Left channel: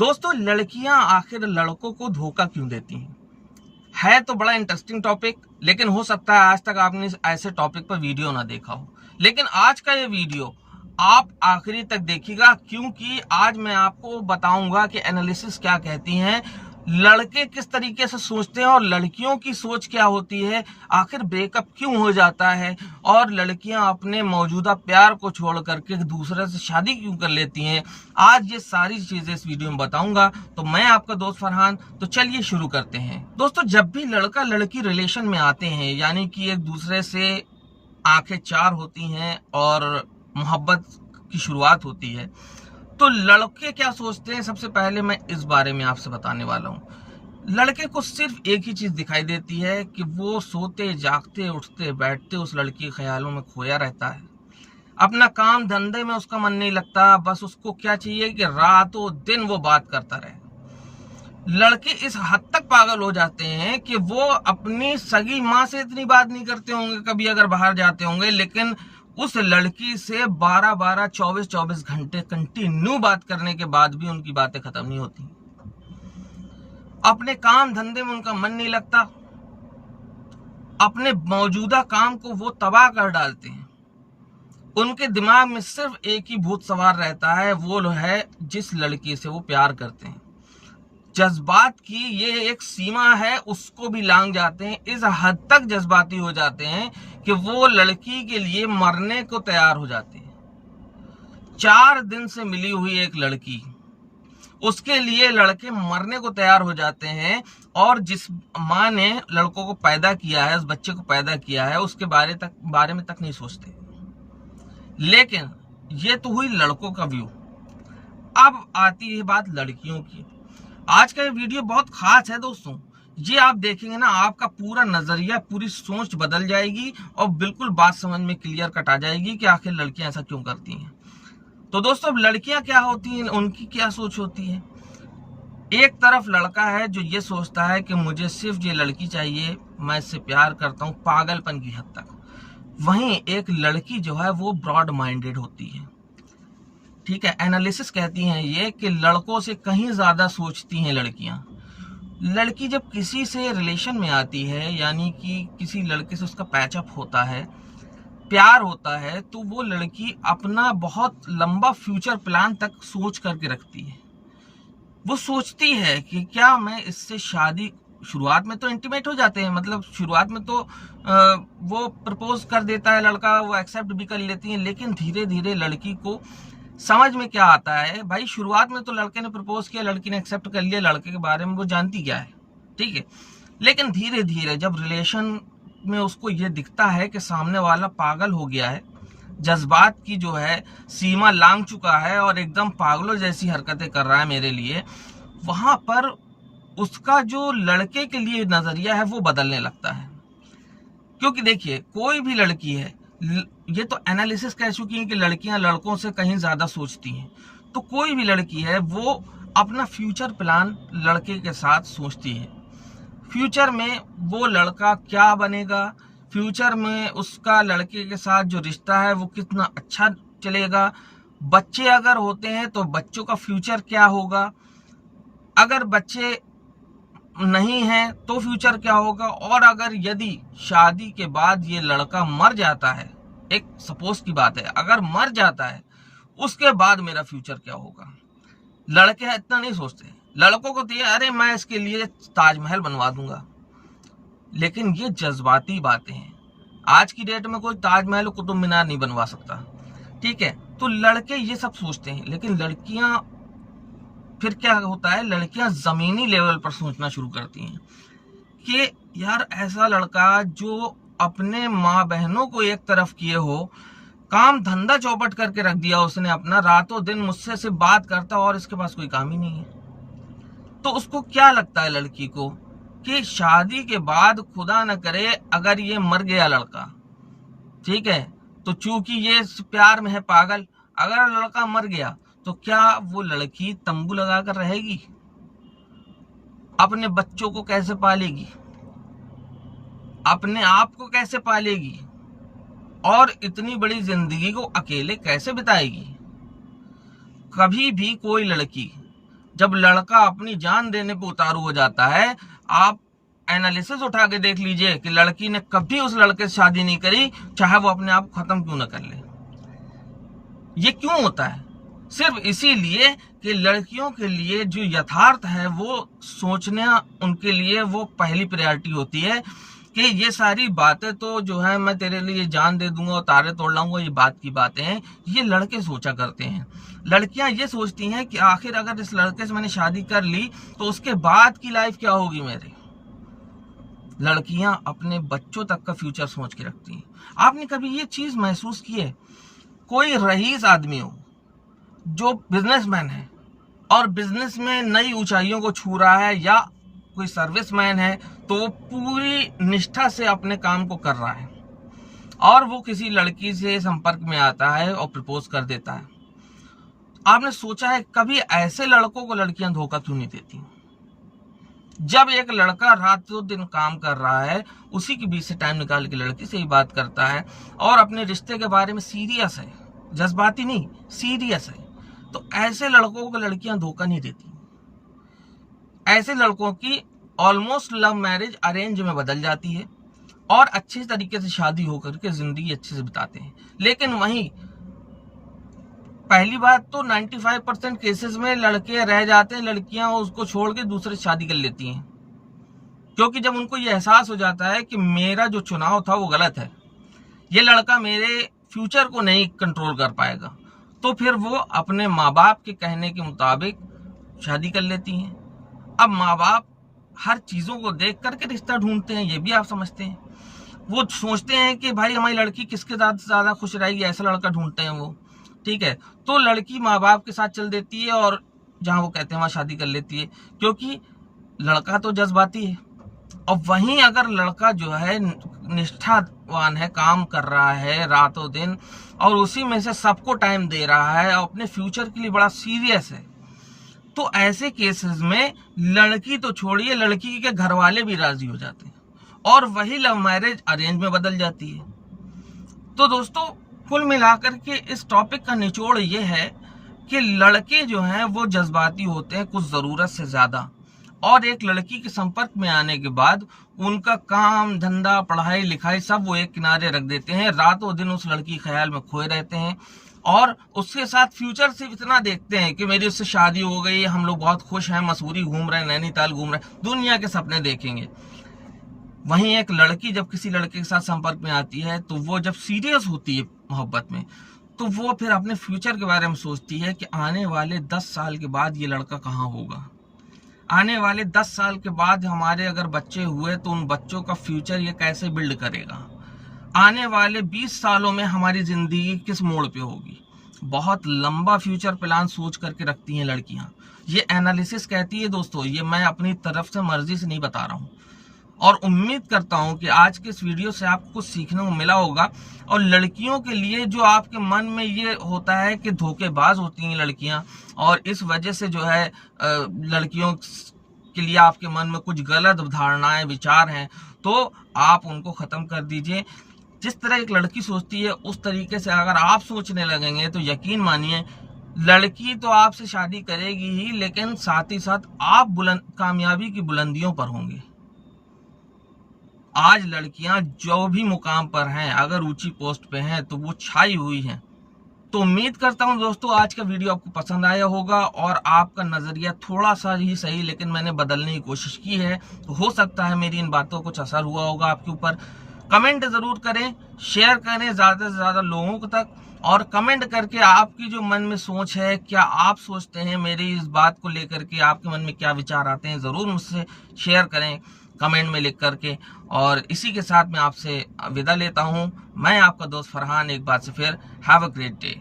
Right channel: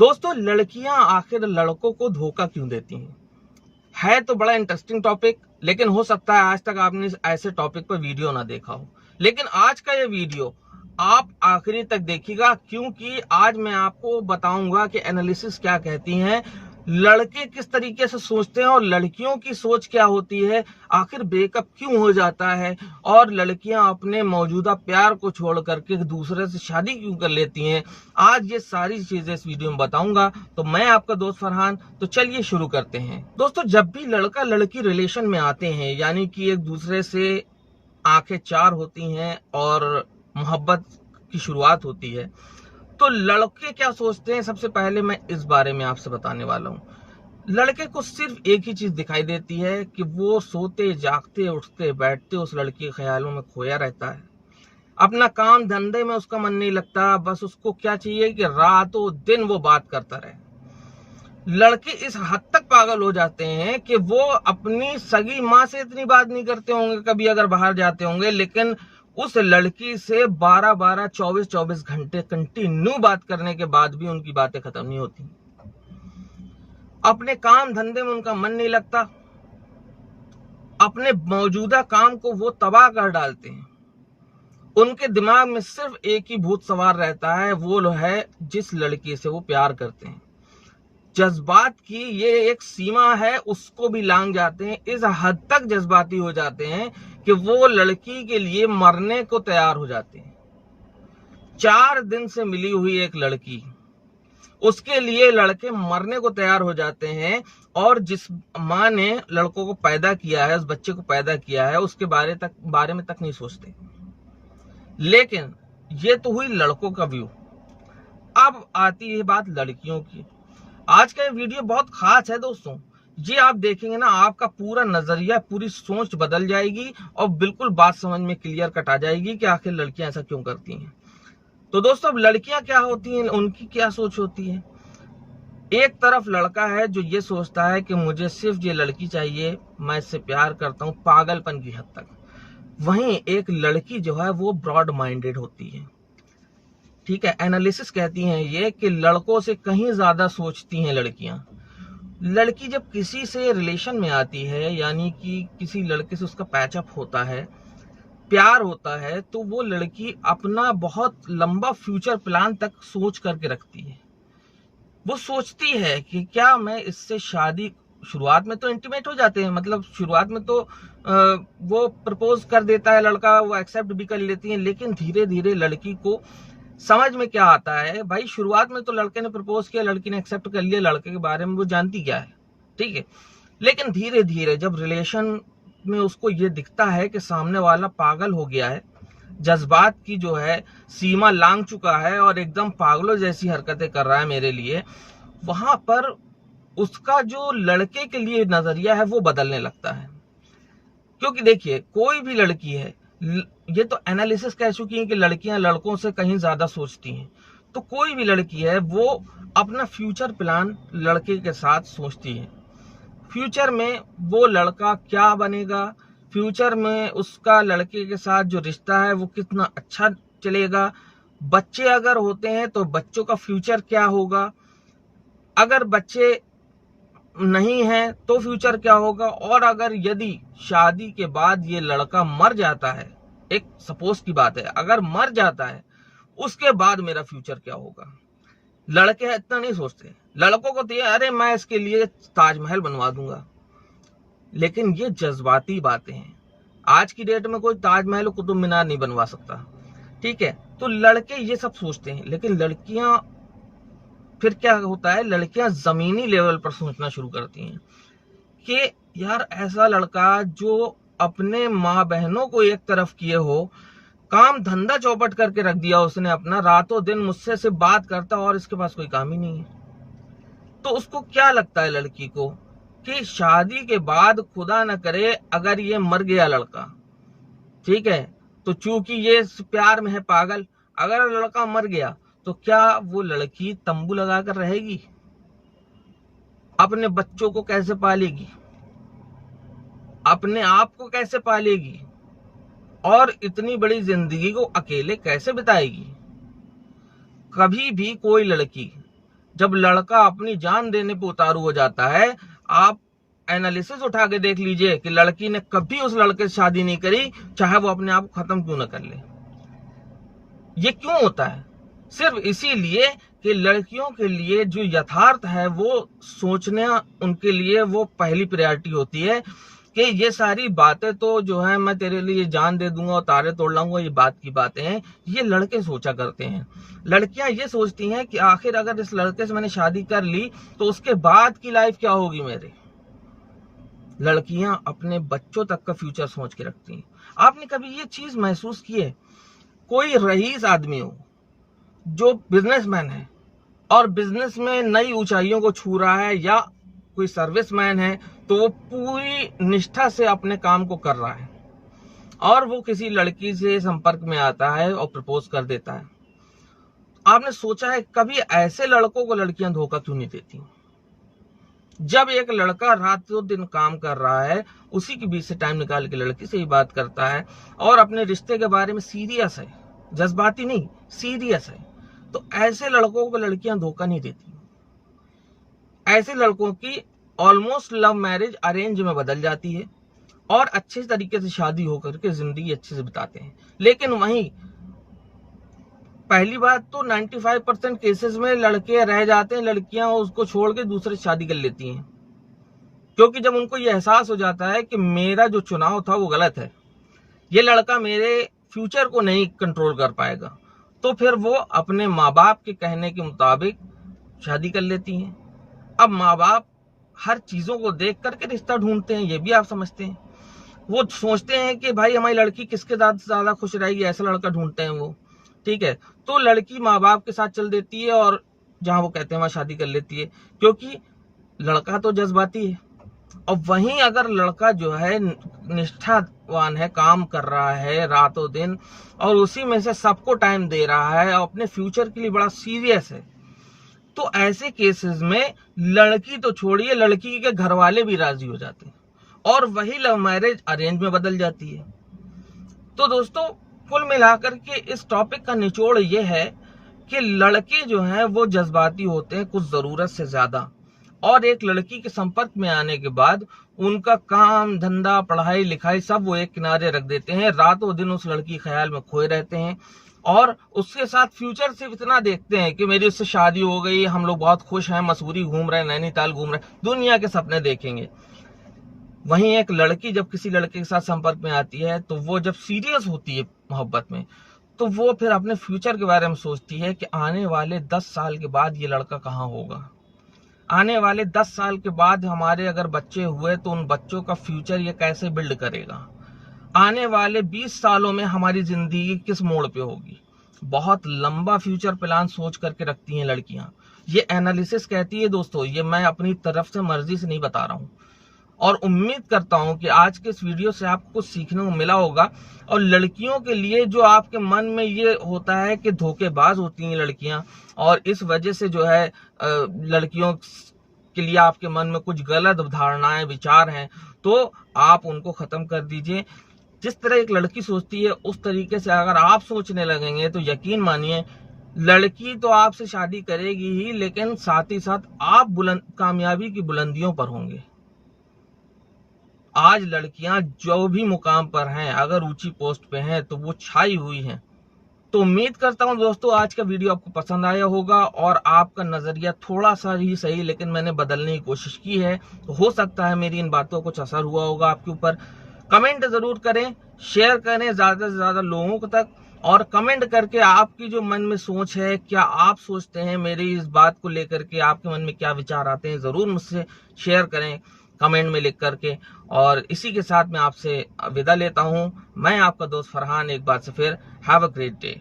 दोस्तों, लड़कियां आखिर लड़कों को धोखा क्यों देती हैं? है तो बड़ा इंटरेस्टिंग टॉपिक, लेकिन हो सकता है आज तक आपने ऐसे टॉपिक पर वीडियो ना देखा हो। लेकिन आज का ये वीडियो आप आखिरी तक देखिएगा, क्योंकि आज मैं आपको बताऊंगा कि एनालिसिस क्या कहती हैं, लड़के किस तरीके से सोचते हैं और लड़कियों की सोच क्या होती है, आखिर ब्रेकअप क्यों हो जाता है और लड़कियां अपने मौजूदा प्यार को छोड़ करके दूसरे से शादी क्यों कर लेती हैं। आज ये सारी चीजें इस वीडियो में बताऊंगा। तो मैं आपका दोस्त फरहान, तो चलिए शुरू करते हैं। दोस्तों, जब भी लड़का लड़की रिलेशन में आते हैं, यानी कि एक दूसरे से आंखें चार होती हैं और मोहब्बत की शुरुआत होती है, तो लड़के क्या सोचते हैं, सबसे पहले मैं इस बारे में आपसे बताने वाला हूं। लड़के को सिर्फ एक ही चीज दिखाई देती है कि वो सोते जागते उठते बैठते उस लड़की के ख्यालों में खोया रहता है। अपना काम धंधे में उसका मन नहीं लगता, बस उसको क्या चाहिए कि रातों दिन वो बात करता रहे। लड़के इस हद तक पागल हो जाते हैं कि वो अपनी सगी माँ से इतनी बात नहीं करते होंगे कभी, अगर बाहर जाते होंगे, लेकिन उस लड़की से 12-12, 24-24 घंटे कंटिन्यू बात करने के बाद भी उनकी बातें खत्म नहीं होती। अपने काम धंधे में उनका मन नहीं लगता, अपने मौजूदा काम को वो तबाह कर डालते हैं। उनके दिमाग में सिर्फ एक ही भूत सवार रहता है, वो है जिस लड़की से वो प्यार करते हैं। जज्बात की ये एक सीमा है, उसको भी लांघ जाते हैं। इस हद तक जज्बाती हो जाते हैं कि वो लड़की के लिए मरने को तैयार हो जाते हैं। 4 दिन से मिली हुई एक लड़की, उसके लिए लड़के मरने को तैयार हो जाते हैं। और जिस माँ ने लड़कों को पैदा किया है, उस बच्चे को पैदा किया है, उसके बारे में तक नहीं सोचते। लेकिन ये तो हुई लड़कों का व्यू। अब आती है बात लड़कियों की। आज का ये वीडियो बहुत खास है दोस्तों। ये आप देखेंगे ना, आपका पूरा नजरिया, पूरी सोच बदल जाएगी और बिल्कुल बात समझ में क्लियर कट आ जाएगी कि आखिर लड़कियां ऐसा क्यों करती हैं। तो दोस्तों, अब लड़कियां क्या होती हैं, उनकी क्या सोच होती है। एक तरफ लड़का है जो ये सोचता है कि मुझे सिर्फ ये लड़की चाहिए, मैं इससे प्यार करता हूँ, पागलपन की हद तक। वहीं एक लड़की जो है वो ब्रॉड माइंडेड होती है। ठीक है, एनालिसिस कहती हैं ये कि लड़कों से कहीं ज्यादा सोचती हैं लड़कियां। लड़की जब किसी से रिलेशन में आती है, यानी कि किसी लड़के से उसका पैचअप होता है, प्यार होता है, तो वो लड़की अपना बहुत लंबा फ्यूचर प्लान तक सोच करके रखती है। वो सोचती है कि क्या मैं इससे शादी, शुरुआत में तो इंटीमेट हो जाते हैं, मतलब शुरुआत में तो वो प्रपोज कर देता है लड़का, वो एक्सेप्ट भी कर लेती है, लेकिन धीरे धीरे लड़की को समझ में क्या आता है, भाई शुरुआत में तो लड़के ने प्रपोज किया, लड़की ने एक्सेप्ट कर लिया, लड़के के बारे में वो जानती क्या है, ठीक है। लेकिन धीरे धीरे जब रिलेशन में उसको ये दिखता है कि सामने वाला पागल हो गया है, जज्बात की जो है सीमा लांघ चुका है और एकदम पागलों जैसी हरकतें कर रहा है मेरे लिए, वहां पर उसका जो लड़के के लिए नजरिया है वो बदलने लगता है। क्योंकि देखिए, कोई भी लड़की है, ये तो एनालिसिस कह चुकी है कि लड़कियां लड़कों से कहीं ज्यादा सोचती हैं, तो कोई भी लड़की है वो अपना फ्यूचर प्लान लड़के के साथ सोचती है। फ्यूचर में वो लड़का क्या बनेगा, फ्यूचर में उसका लड़के के साथ जो रिश्ता है वो कितना अच्छा चलेगा, बच्चे अगर होते हैं तो बच्चों का फ्यूचर क्या होगा, अगर बच्चे नहीं है तो फ्यूचर क्या होगा, और अगर यदि शादी के बाद ये लड़का मर जाता है, एक सपोज की बात है, अगर मर जाता है उसके बाद मेरा फ्यूचर क्या होगा। लड़के इतना नहीं सोचते। लड़कों को तो ये, अरे मैं इसके लिए ताजमहल बनवा दूंगा। लेकिन ये जज्बाती बातें हैं। आज की डेट में कोई ताजमहल कुतुब मीनार नहीं बनवा सकता, ठीक है। तो लड़के ये सब सोचते हैं, लेकिन लड़कियां, फिर क्या होता है, लड़कियां जमीनी लेवल पर सोचना शुरू करती हैं कि यार ऐसा लड़का जो अपने माँ बहनों को एक तरफ किए हो, काम धंधा चौपट करके रख दिया उसने अपना, रातों दिन मुझसे से बात करता और इसके पास कोई काम ही नहीं है। तो उसको क्या लगता है लड़की को कि शादी के बाद खुदा न करे अगर ये मर गया लड़का, ठीक है, तो चूंकि ये प्यार में है पागल, अगर लड़का मर गया तो क्या वो लड़की तंबू लगाकर रहेगी, अपने बच्चों को कैसे पालेगी, अपने आप को कैसे पालेगी, और इतनी बड़ी जिंदगी को अकेले कैसे बिताएगी। कभी भी कोई लड़की जब लड़का अपनी जान देने पे उतारू हो जाता है, आप एनालिसिस उठा के देख लीजिए कि लड़की ने कभी उस लड़के से शादी नहीं करी, चाहे वो अपने आप को खत्म क्यों ना कर ले। ये क्यों होता है? सिर्फ इसीलिए कि लड़कियों के लिए जो यथार्थ है वो सोचना उनके लिए वो पहली प्रायोरिटी होती है कि ये सारी बातें तो जो है मैं तेरे लिए जान दे दूंगा और तारे तोड़ लाऊंगा, ये बात की बातें हैं। ये लड़के सोचा करते हैं। लड़कियां ये सोचती हैं कि आखिर अगर इस लड़के से मैंने शादी कर ली तो उसके बाद की लाइफ क्या होगी मेरे। लड़कियां अपने बच्चों तक का फ्यूचर सोच के रखती हैं। आपने कभी ये चीज महसूस की है? कोई रईस आदमी हो जो बिजनेसमैन है और बिजनेस में नई ऊंचाइयों को छू रहा है, या कोई सर्विसमैन है तो वो पूरी निष्ठा से अपने काम को कर रहा है और वो किसी लड़की से संपर्क में आता है और प्रपोज कर देता है। आपने सोचा है कभी ऐसे लड़कों को लड़कियां धोखा क्यों नहीं देती? जब एक लड़का रातों दिन काम कर रहा है, उसी के बीच से टाइम निकाल के लड़की से ही बात करता है और अपने रिश्ते के बारे में सीरियस है, जज्बाती नहीं, सीरियस है, तो ऐसे लड़कों को लड़कियां धोखा नहीं देती। ऐसे लड़कों की ऑलमोस्ट लव मैरिज अरेंज में बदल जाती है और अच्छे तरीके से शादी होकर के जिंदगी अच्छे से बिताते हैं। लेकिन वहीं पहली बात तो 95% केसेस में लड़के रह जाते हैं, लड़कियां उसको छोड़ के दूसरे से शादी कर लेती हैं, क्योंकि जब उनको ये एहसास हो जाता है कि मेरा जो चुनाव था वो गलत है, ये लड़का मेरे फ्यूचर को नहीं कंट्रोल कर पाएगा, तो फिर वो अपने माँ बाप के कहने के मुताबिक शादी कर लेती हैं। अब माँ बाप हर चीजों को देख करके रिश्ता ढूंढते हैं, ये भी आप समझते हैं। वो सोचते हैं कि भाई हमारी लड़की किसके साथ ज्यादा खुश रहेगी, ऐसा लड़का ढूंढते हैं वो, ठीक है। तो लड़की माँ बाप के साथ चल देती है और जहां वो कहते हैं वहां शादी कर लेती है, क्योंकि लड़का तो जज्बाती है। और वहीं अगर लड़का जो है निष्ठावान है, काम कर रहा है रातों दिन और उसी में से सबको टाइम दे रहा है और अपने फ्यूचर के लिए बड़ा सीरियस है, तो ऐसे केसेस में लड़की तो छोड़िए, लड़की के घर वाले भी राजी हो जाते हैं और वही लव मैरिज अरेंज में बदल जाती है। तो दोस्तों, कुल मिलाकर के इस टॉपिक का निचोड़ ये है कि लड़के जो हैं वो जज्बाती होते हैं कुछ जरूरत से ज्यादा, और एक लड़की के संपर्क में आने के बाद उनका काम धंधा पढ़ाई लिखाई सब वो एक किनारे रख देते हैं, रातों दिन उस लड़की के ख्याल में खोए रहते हैं और उसके साथ फ्यूचर से इतना देखते हैं कि मेरी उससे शादी हो गई, हम लोग बहुत खुश हैं, मसूरी घूम रहे हैं, नैनीताल घूम रहे हैं, दुनिया के सपने देखेंगे। वहीं एक लड़की जब किसी लड़के के साथ संपर्क में आती है तो वो जब सीरियस होती है मोहब्बत में, तो वो फिर अपने फ्यूचर के बारे में सोचती है कि आने वाले 10 साल के बाद ये लड़का कहाँ होगा, आने वाले 10 साल के बाद हमारे अगर बच्चे हुए तो उन बच्चों का फ्यूचर ये कैसे बिल्ड करेगा, आने वाले 20 सालों में हमारी जिंदगी किस मोड़ पे होगी। बहुत लंबा फ्यूचर प्लान सोच करके रखती हैं लड़कियां। ये एनालिसिस कहती है दोस्तों, ये मैं अपनी तरफ से मर्जी से नहीं बता रहा हूं, और उम्मीद करता हूं कि आज के इस वीडियो से आपको कुछ सीखने को मिला होगा। और लड़कियों के लिए जो आपके मन में ये होता है कि धोखेबाज होती हैं लड़कियां, और इस वजह से जो है लड़कियों के लिए आपके मन में कुछ गलत धारणाएं विचार हैं, तो आप उनको खत्म कर दीजिए। जिस तरह एक लड़की सोचती है उस तरीके से अगर आप सोचने लगेंगे तो यकीन मानिए लड़की तो आपसे शादी करेगी ही, लेकिन साथ ही साथ आप कामयाबी की बुलंदियों पर होंगे। आज लड़कियां जो भी मुकाम पर हैं, अगर ऊंची पोस्ट पे हैं तो वो छाई हुई हैं। तो उम्मीद करता हूं दोस्तों आज का वीडियो आपको पसंद आया होगा और आपका नजरिया थोड़ा सा ही सही लेकिन मैंने बदलने की कोशिश की है, तो हो सकता है मेरी इन बातों को कुछ असर हुआ होगा आपके ऊपर। कमेंट जरूर करें, शेयर करें ज्यादा से ज्यादा लोगों तक, और कमेंट करके आपकी जो मन में सोच है, क्या आप सोचते हैं मेरी इस बात को लेकर के, आपके मन में क्या विचार आते हैं, जरूर मुझसे शेयर करें कमेंट में लिख करके। और इसी के साथ मैं आपसे विदा लेता हूं। मैं आपका दोस्त फरहान एक बार से फिर हैव अ ग्रेट डे।